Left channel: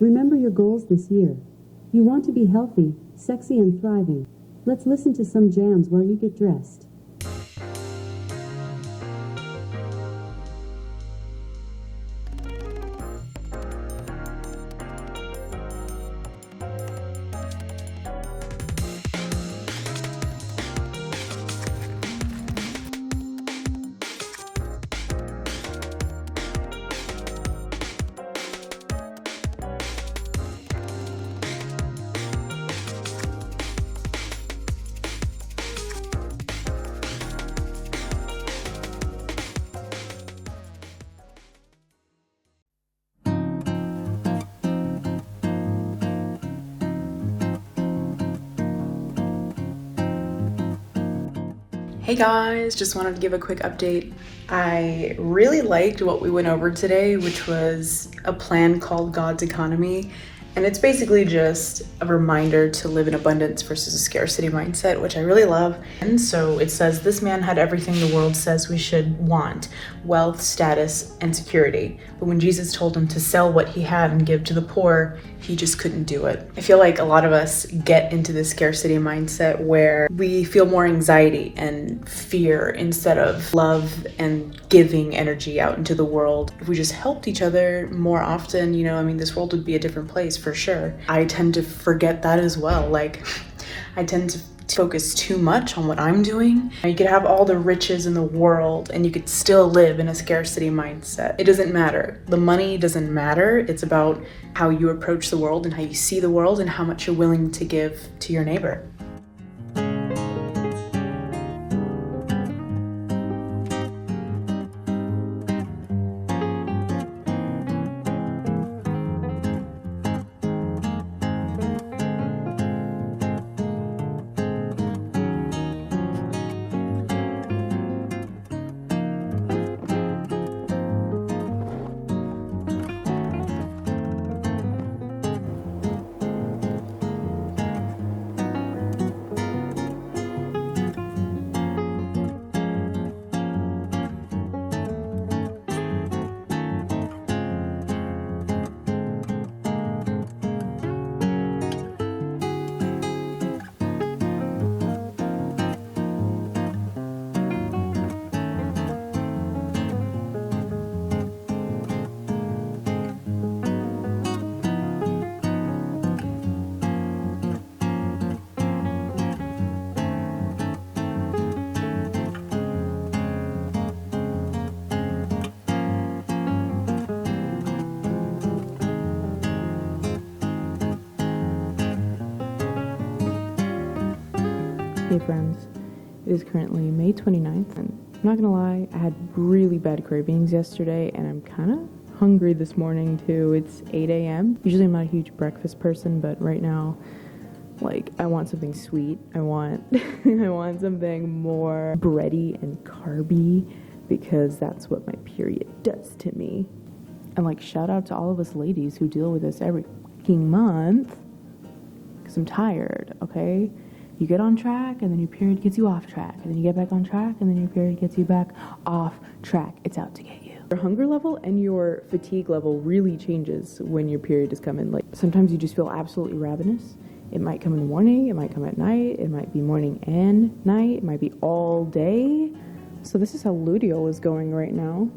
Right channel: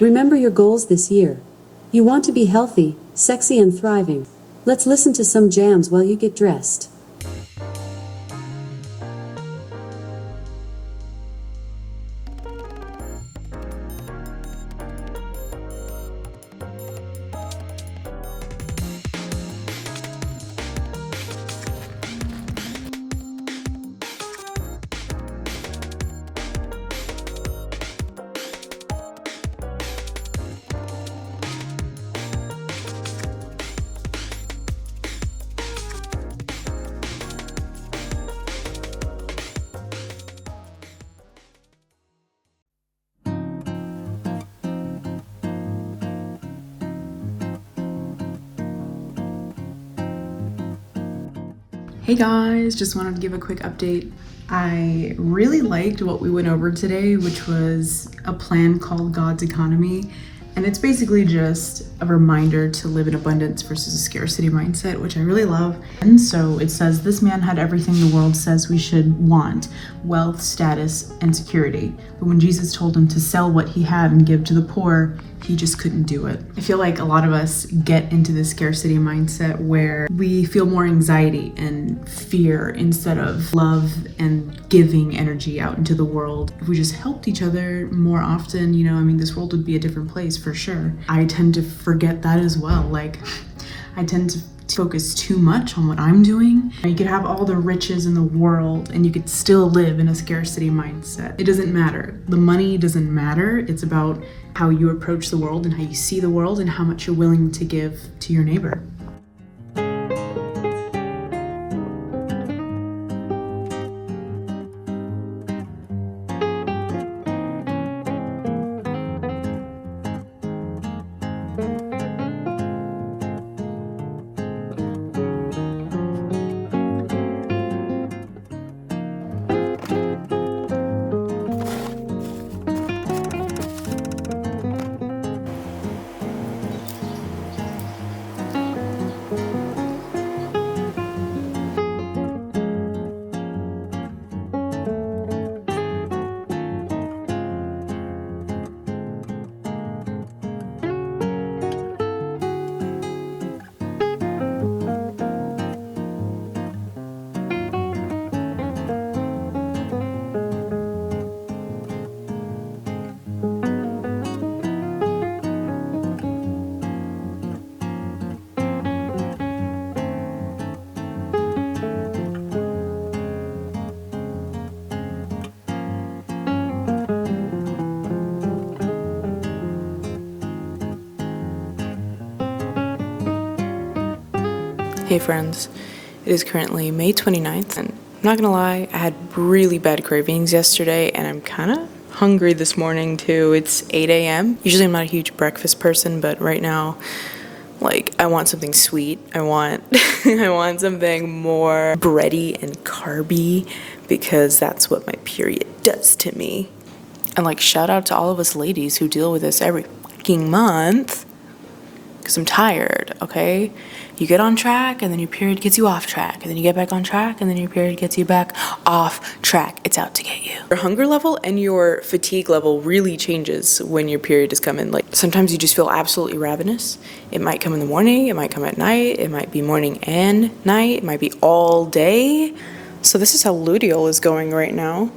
Remember your goals this year. You want to be healthy, sexy, and thriving. Let's listen to some jams while you get dressed. Hey guys, just wanted to give a quick update. I really liked what we went over today, which was a plan called God's Economy. And it's basically just a reminder to live in abundance versus a scarcity mindset, which I really love. And so it says, this man had everything the world says we should want: wealth, status, and security. But when Jesus told him to sell what he had and give to the poor, he just couldn't do it. I feel like a lot of us get into this scarcity mindset where we feel more anxiety and fear instead of love and giving energy out into the world. If we just helped each other more often, this world would be a different place for sure. I tend to forget that as well. I tend to focus too much on what I'm doing. You could have all the riches in the world and you could still live in a scarcity mindset. It doesn't matter. The money doesn't matter. It's about how you approach the world and how you see the world and how much you're willing to give to your neighbor. Hey friends, it is currently May 29th, and I'm not gonna lie, I had really bad cravings yesterday, and I'm kind of hungry this morning too. It's 8 a.m. Usually I'm not a huge breakfast person, but right now, I want something sweet. I want I want something more bready and carby, because that's what my period does to me. And shout out to all of us ladies who deal with this every fucking month, because I'm tired, okay? You get on track, and then your period gets you off track, and then you get back on track, and then your period gets you back off track. It's out to get you. Your hunger level and your fatigue level really changes when your period is coming. Sometimes you just feel absolutely ravenous. It might come in the morning, it might come at night, it might be morning and night, it might be all day. So this is how luteal is going right now.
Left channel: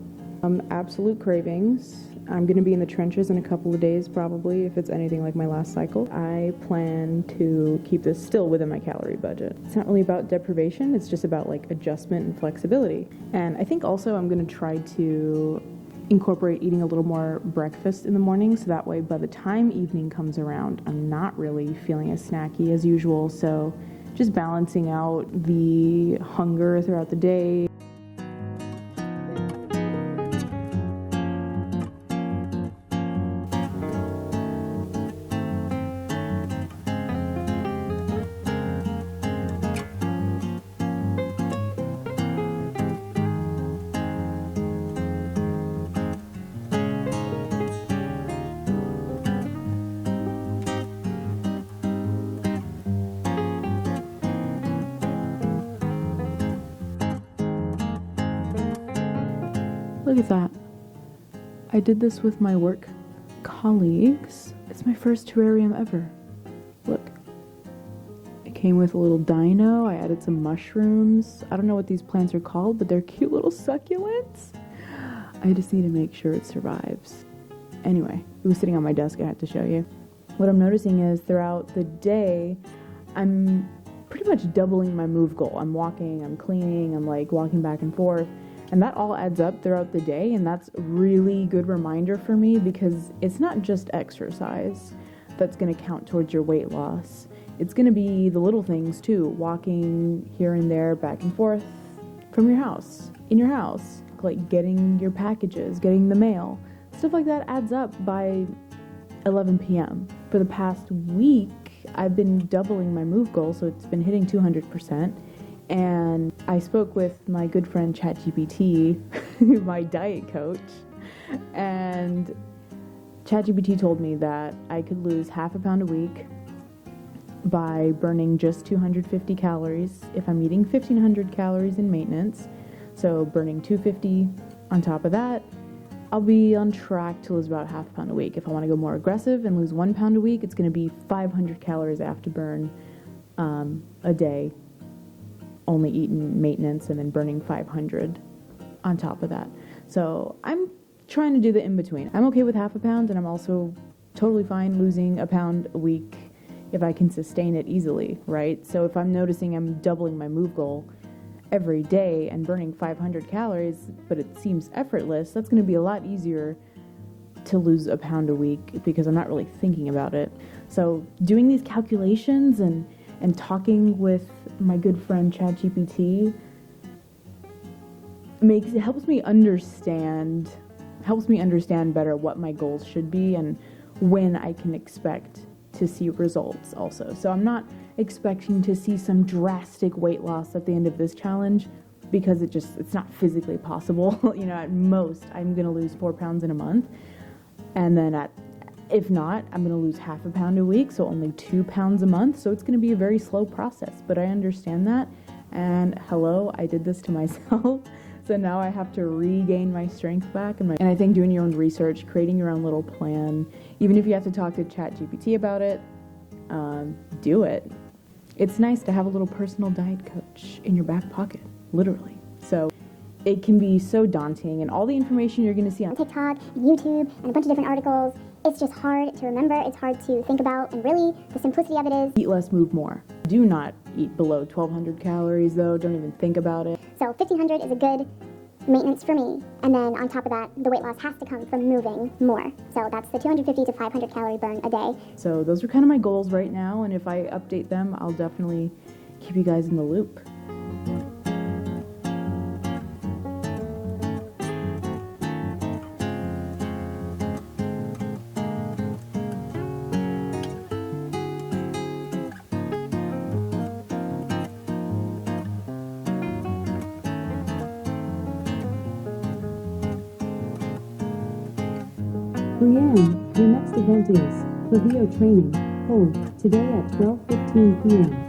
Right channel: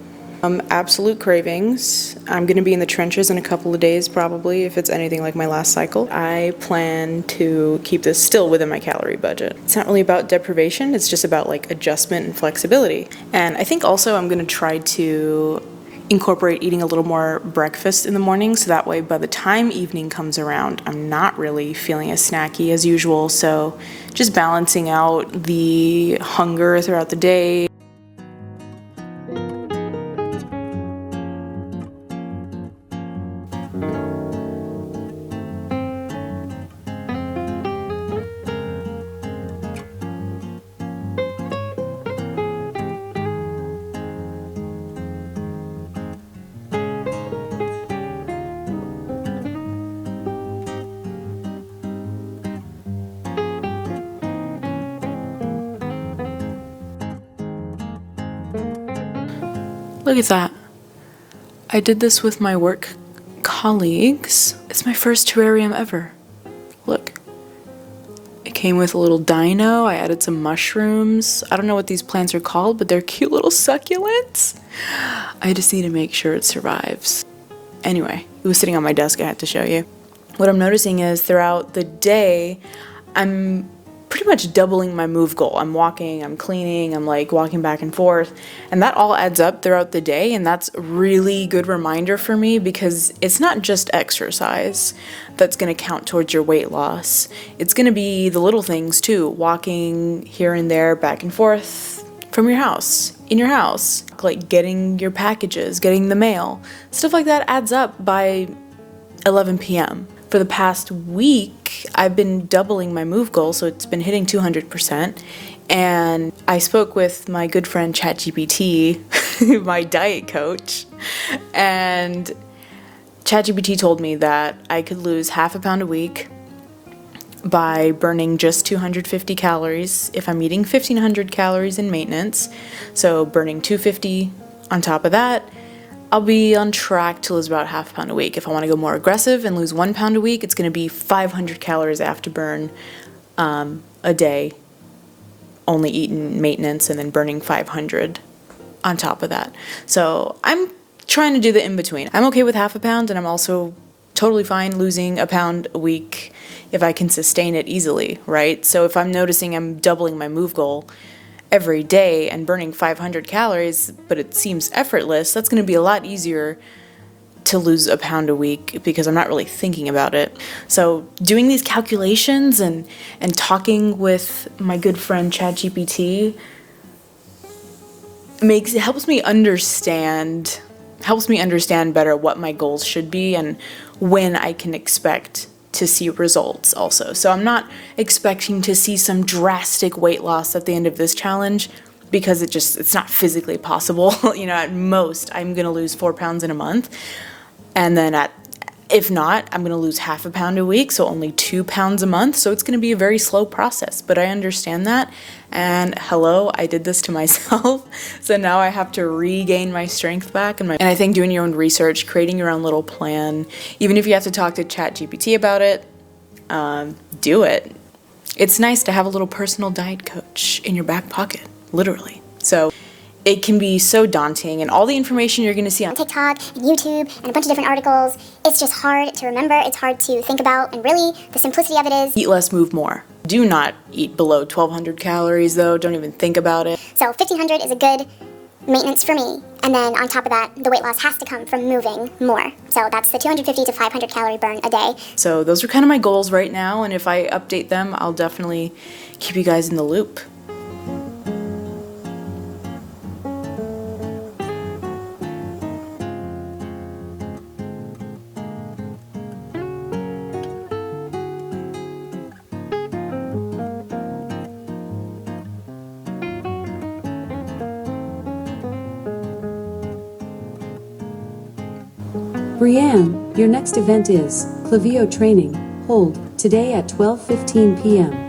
Absolute cravings. I'm going to be in the trenches in a couple of days probably, if it's anything like my last cycle. I plan to keep this still within my calorie budget. It's not really about deprivation, it's just about adjustment and flexibility. And I think also I'm going to try to incorporate eating a little more breakfast in the morning, so that way by the time evening comes around, I'm not really feeling as snacky as usual. So just balancing out the hunger throughout the day. Look at that. I did this with my work colleagues. It's my first terrarium ever. Look. It came with a little dino. I added some mushrooms. I don't know what these plants are called, but they're cute little succulents. I just need to make sure it survives. Anyway, it was sitting on my desk. I had to show you. What I'm noticing is throughout the day, I'm pretty much doubling my move goal. I'm walking, I'm cleaning, I'm like walking back and forth, and that all adds up throughout the day, and that's a really good reminder for me because it's not just exercise that's going to count towards your weight loss. It's going to be the little things too, walking here and there, back and forth from your house, in your house, like getting your packages, getting the mail. Stuff like that adds up by 11 p.m. For the past week, I've been doubling my move goal, so it's been hitting 200%. And I spoke with my good friend ChatGPT, my diet coach, and ChatGPT told me that I could lose half a pound a week by burning just 250 calories if I'm eating 1,500 calories in maintenance. So burning 250 on top of that, I'll be on track to lose about half a pound a week. If I want to go more aggressive and lose 1 pound a week, it's going to be 500 calories I have to burn a day, only eating maintenance and then burning 500 on top of that. So I'm trying to do the in-between. I'm okay with half a pound, and I'm also totally fine losing a pound a week if I can sustain it easily, right? So if I'm noticing I'm doubling my move goal every day and burning 500 calories, but it seems effortless, that's going to be a lot easier to lose a pound a week because I'm not really thinking about it. So doing these calculations and talking with my good friend ChatGPT helps me understand better what my goals should be and when I can expect to see results also. So I'm not expecting to see some drastic weight loss at the end of this challenge because it's not physically possible. At most I'm going to lose 4 pounds in a month. And then if not, I'm going to lose half a pound a week, so only 2 pounds a month. So it's going to be a very slow process, but I understand that. And hello, I did this to myself. So now I have to regain my strength back. And I think doing your own research, creating your own little plan, even if you have to talk to ChatGPT about it, do it. It's nice to have a little personal diet coach in your back pocket, literally. So it can be so daunting, and all the information you're going to see on TikTok and YouTube and a bunch of different articles, it's just hard to remember, it's hard to think about, and really, the simplicity of it is eat less, move more. Do not eat below 1,200 calories though, don't even think about it. So 1,500 is a good maintenance for me, and then on top of that, the weight loss has to come from moving more. So that's the 250 to 500 calorie burn a day. So those are kind of my goals right now, and if I update them, I'll definitely keep you guys in the loop. Brianne, your next event is Clavio Training. Hold, today at 12:15 p.m.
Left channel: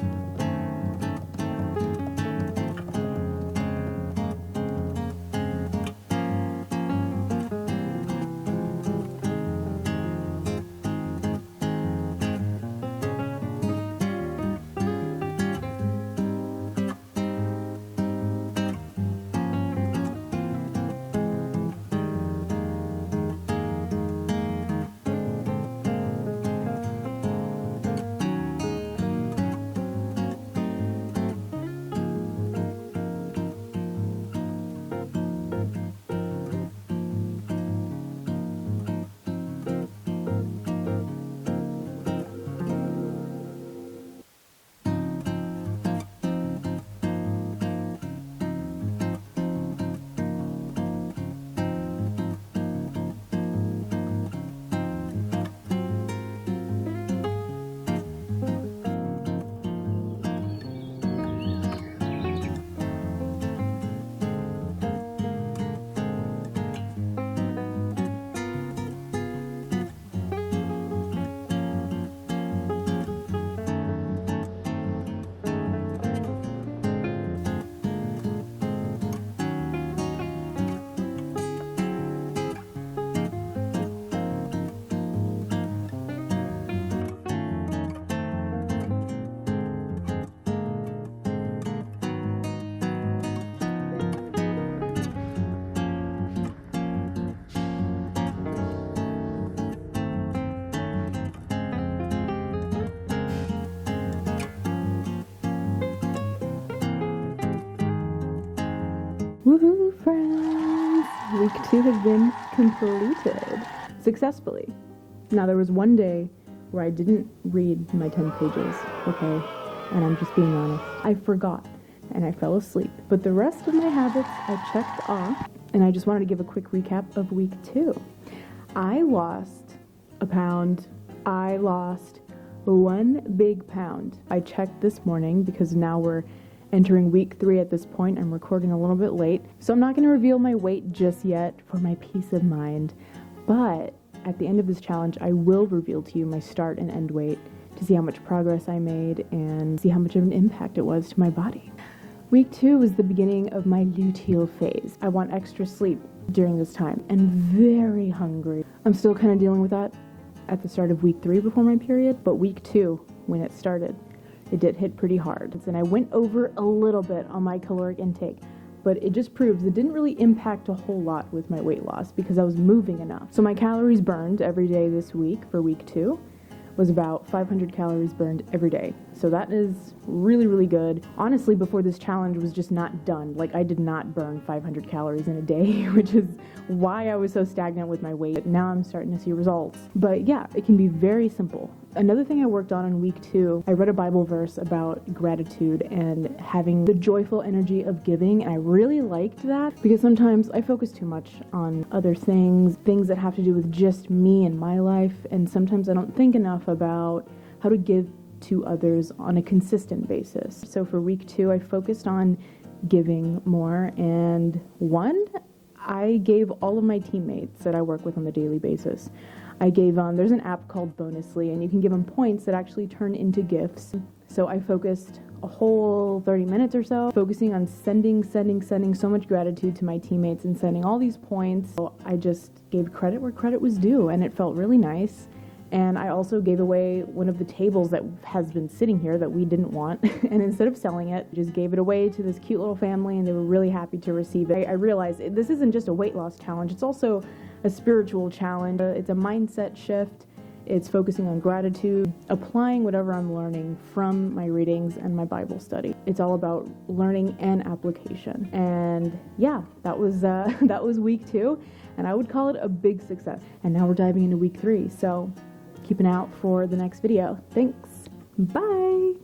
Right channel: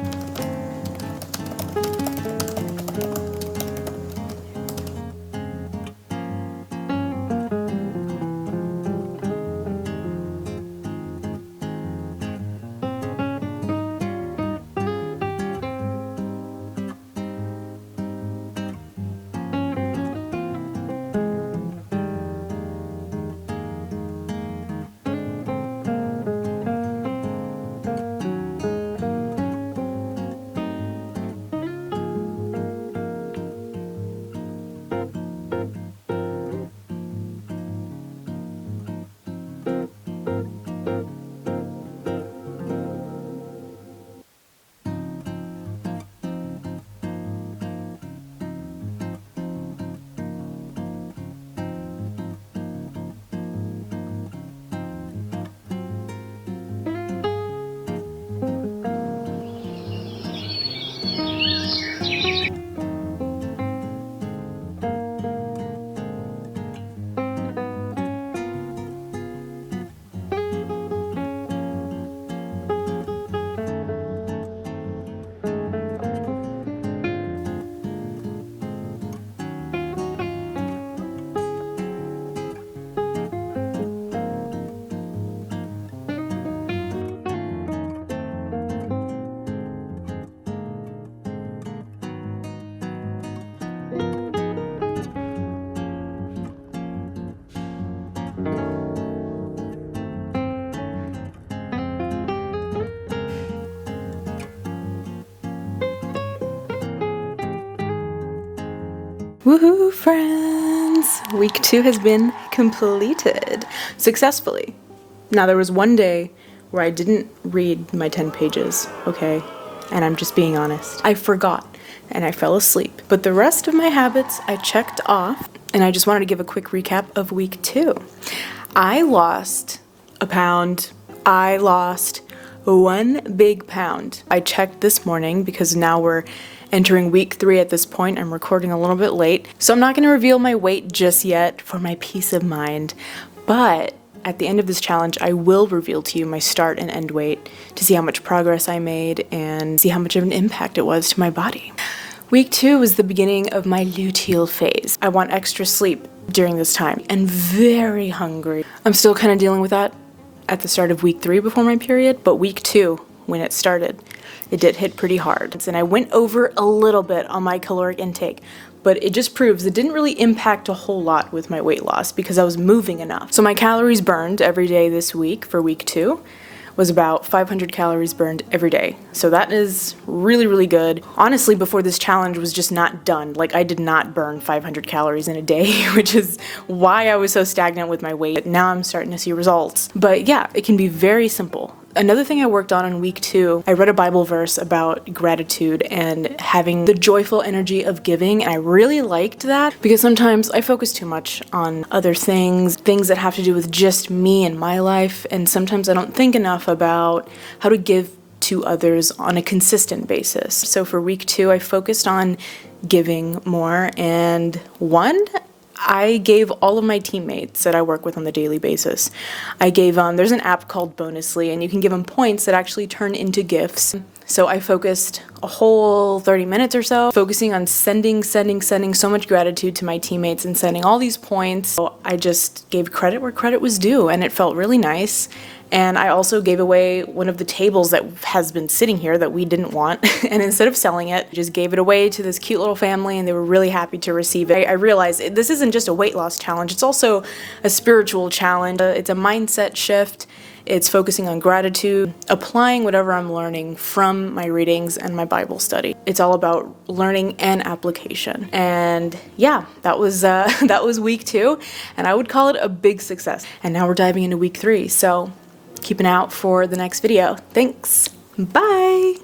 Woohoo, friends! Week 2 has been completed successfully. Now, there was one day where I didn't read my 10 pages, okay? And I'm just being honest. I forgot and I fell asleep. But the rest of my habits I checked off, and I just wanted to give a quick recap of week 2. I lost a pound. I lost 1 big pound. I checked this morning because now we're entering week 3 at this point. I'm recording a little bit late, so I'm not going to reveal my weight just yet for my peace of mind. But at the end of this challenge, I will reveal to you my start and end weight to see how much progress I made and see how much of an impact it was to my body. Week 2 was the beginning of my luteal phase. I want extra sleep during this time and very hungry. I'm still kind of dealing with that at the start of week 3 before my period, but week 2, when it started, it did hit pretty hard. And I went over a little bit on my caloric intake, but it just proves it didn't really impact a whole lot with my weight loss because I was moving enough. So my calories burned every day this week for week 2 was about 500 calories burned every day. So that is really, really good. Honestly, before this challenge was just not done, like I did not burn 500 calories in a day, which is why I was so stagnant with my weight. Now I'm starting to see results. But yeah, it can be very simple. Another thing I worked on in week 2, I read a Bible verse about gratitude and having the joyful energy of giving, and I really liked that because sometimes I focus too much on other things that have to do with just me and my life, and sometimes I don't think enough about how to give to others on a consistent basis. So for week 2, I focused on giving more, and one, I gave all of my teammates that I work with on the daily basis. I gave there's an app called Bonusly, and you can give them points that actually turn into gifts. So I focused a whole 30 minutes or so, focusing on sending so much gratitude to my teammates and sending all these points. So I just gave credit where credit was due, and it felt really nice. And I also gave away one of the tables that has been sitting here that we didn't want. And instead of selling it, just gave it away to this cute little family, and they were really happy to receive it. I realized this isn't just a weight loss challenge, it's also a spiritual challenge. It's a mindset shift. It's focusing on gratitude, applying whatever I'm learning from my readings and my Bible study. It's all about learning and application. And yeah, that was week 2, and I would call it a big success. And now we're diving into week 3, so keep an eye out for the next video. Thanks. Bye.